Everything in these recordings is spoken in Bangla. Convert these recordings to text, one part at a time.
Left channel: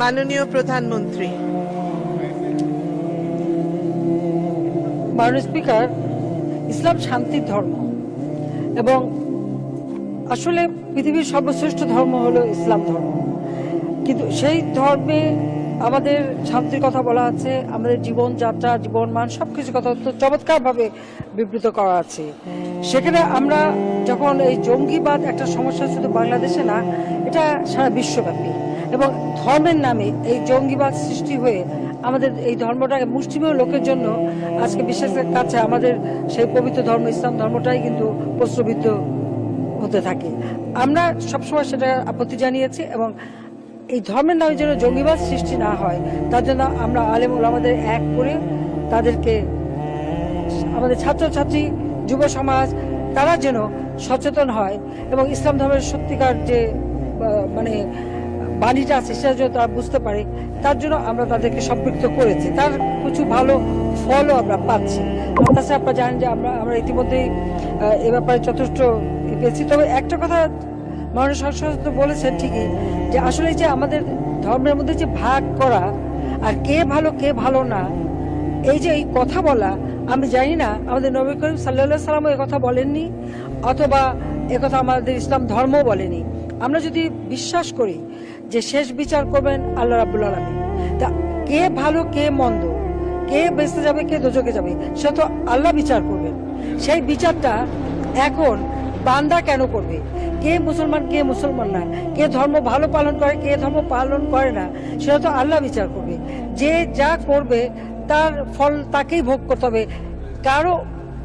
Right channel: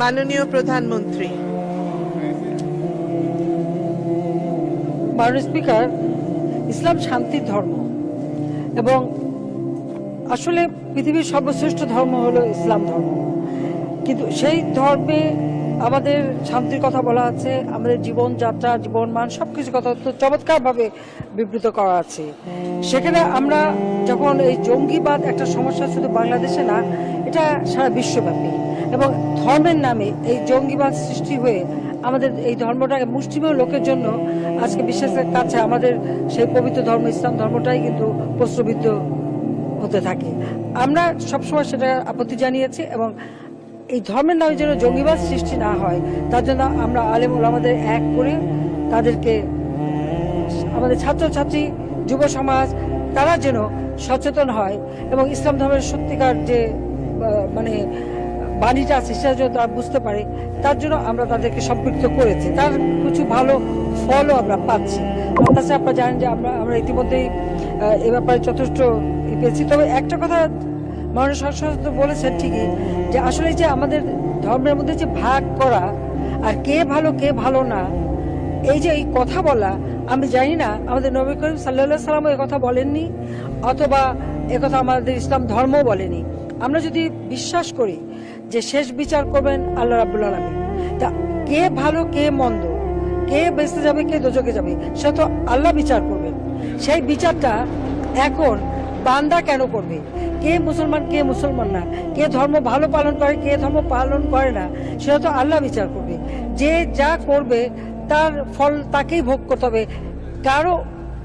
মাননীয় প্রধানমন্ত্রী, মাননীয় স্পিকার, ইসলাম শান্তির ধর্ম এবং আসলে পৃথিবীর সর্বশ্রেষ্ঠ ধর্ম হলো ইসলাম ধর্ম। কিন্তু সেই ধর্মে আমাদের শান্তির কথা বলা আছে, আমাদের জীবনযাত্রা, জীবন মান সবকিছু কথা চমৎকারভাবে বিবৃত করা আছে। সেখানে আমরা যখন এই জঙ্গিবাদ একটা সমস্যা শুধু বাংলাদেশে না, এটা সারা বিশ্বব্যাপী, এবং ধর্মের নামে এই জঙ্গিবাদ সৃষ্টি হয়ে আমাদের এই ধর্মটাকে মুষ্টিমেয় লোকের জন্য আজকে বিশ্বের কাছে আমাদের সেই পবিত্র ধর্ম ইসলাম ধর্মটাই কিন্তু প্রশ্নবিদ্ধ হতে থাকে। আমরা সবসময় সেটা আপত্তি জানিয়েছি এবং এই ধর্মের নামে যেন জঙ্গিবাদ সৃষ্টি না হয় তার জন্য আমরা আলেম ওলামাদের এক করে তাদেরকে, আমাদের ছাত্রছাত্রী, যুব সমাজ, তারা যেন সচেতন হয় এবং ইসলাম ধর্মের সত্যিকার যে মানে বাণীটা আছে সেটা যেন তারা বুঝতে পারে, তার জন্য আমরা তাদেরকে সম্পৃক্ত করেছি। তার কিছু ভালো ফলও আমরা পাচ্ছি। আমার কাছে আপনারা জানেন যে আমরা ইতিমধ্যেই এ ব্যাপারে যথেষ্ট পেয়েছি। তবে একটা কথা মাননীয় সংসদ বলেছেন ঠিকই, যে আসলে যে আমাদের ধর্মের মধ্যে যে ভাগ করা আর কে ভালো না, এই যে এই কথা বলা, আমি জানি না আমাদের নবী করিম সাল্লাল্লাহু আলাইহি ওয়াসাল্লাম এই কথা বলেননি, অথবা একথা আমাদের ইসলাম ধর্ম বলেনি। আমরা যদি বিশ্বাস করি যে শেষ বিচার করবেন আল্লাহ রাব্বুল আলামিন, তা কে ভালো কে মন্দ, কে বেঁচে যাবে কে দোজখে যাবে, সে তো আল্লাহ বিচার করবেন। সেই বিচারটা এখন বান্দা কেন করবে? কে মুসলমান কে মুসলমান না, কে ধর্ম ভালো পালন করে কে ধর্ম পালন করে না, সেটা তো আল্লাহ বিচার করবে। যে যা করবে তার ফল তাকেই ভোগ করতে হবে, কারো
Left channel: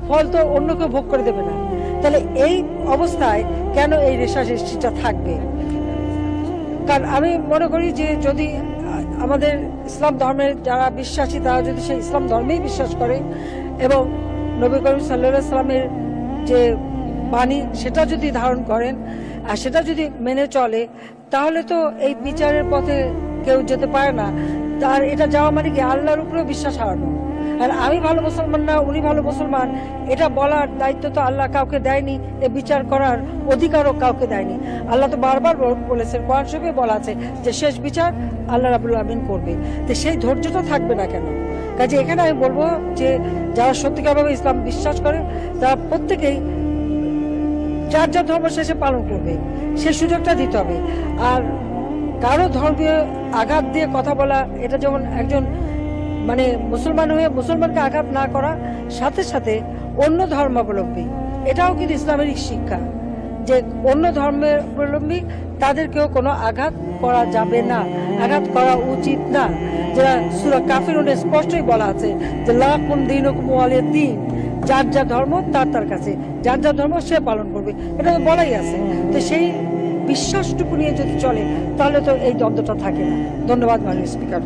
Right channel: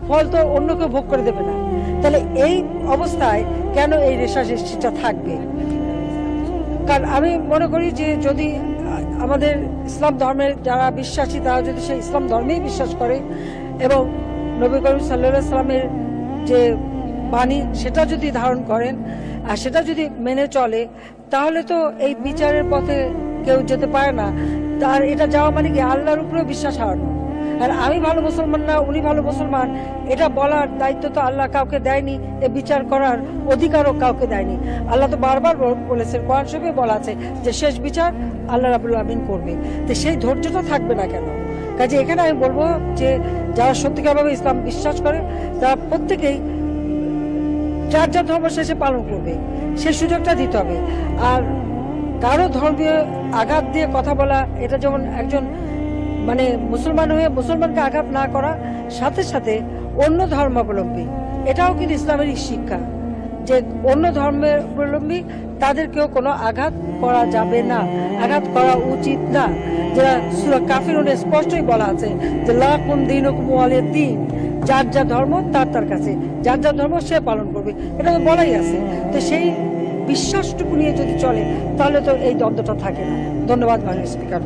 ফল তো অন্য কেউ ভোগ করে দেবে না। তাহলে এই অবস্থায় কেন এই রেশারেশিটা থাকবে? কারণ আমি মনে করি যে যদি আমাদের ইসলাম ধর্মের যারা বিশ্বাসী তারা যদি সেই ইসলাম ধর্মেই বিশ্বাস করে এবং নবী করিম সাল্লাল্লাহু আলাইহি ওয়াসাল্লামের যে বাণী সেটা যদি ধারণ করেন আর সেটা যদি মেনে চলে, তাহলে তো এই বিচারের পথে কেউ যেতে পারে না। তার এটা যাওয়া মানে কি আল্লাহর উপরে বিশ্বাস হারানো। আর আমি ভালো মুসলমান না উনি ভালো মুসলমান, এটা বলার দায়িত্ব তো আল্লাহ কাউকে দেয়নি, এ বিচার করার অধিকারও কাউকে দেয়নি। আল্লাহ তো বারবার বলেছেন, কোরআন শরীফে বলা আছে যে শেষ বিচার আল্লাহ রাব্বুল আলামিন করবে। তো সেই ধৈর্যটা থাকবে না কেন? কাজে এখানে আমি বলবো যে যারা সত্যিকারভাবে ইসলাম বিশ্বাস করে তারা প্রত্যেকেই যার যার ধর্ম শেষে পালন করবে, সে সুযোগটা দিতে হবে। আর কারো ধর্মীয় আঘাত দিয়ে কথা বলা, এটা যেমন একজন মানে মুসলমান হয়ে মুসলমানকে আঘাত না করা, সাথে সাথে অন্য ধর্মাবলম্বী, এটাও কিন্তু ইসলামের শিক্ষা যে অন্য ধর্মের অবলম্বী তাদেরকেও কোনো আঘাত করা যাবে না, আঘাত করা উচিত না। যেটা সূরা কাফিরুনে স্পষ্টই বলা আছে যে লাকুম দীনুকুম ওয়ালিয়া দ্বীন, যার যা ধর্ম তার তার কাছে, যার যা ধর্ম সে পালন করবে, এটা তো বলাই আছে। তো সেই বিশ্বাসটুকু নিয়ে যদি চলে তাহলে তো এই দ্বন্দ্বটা থাকে না। ধন্যবাদ মাননীয় স্পিকার।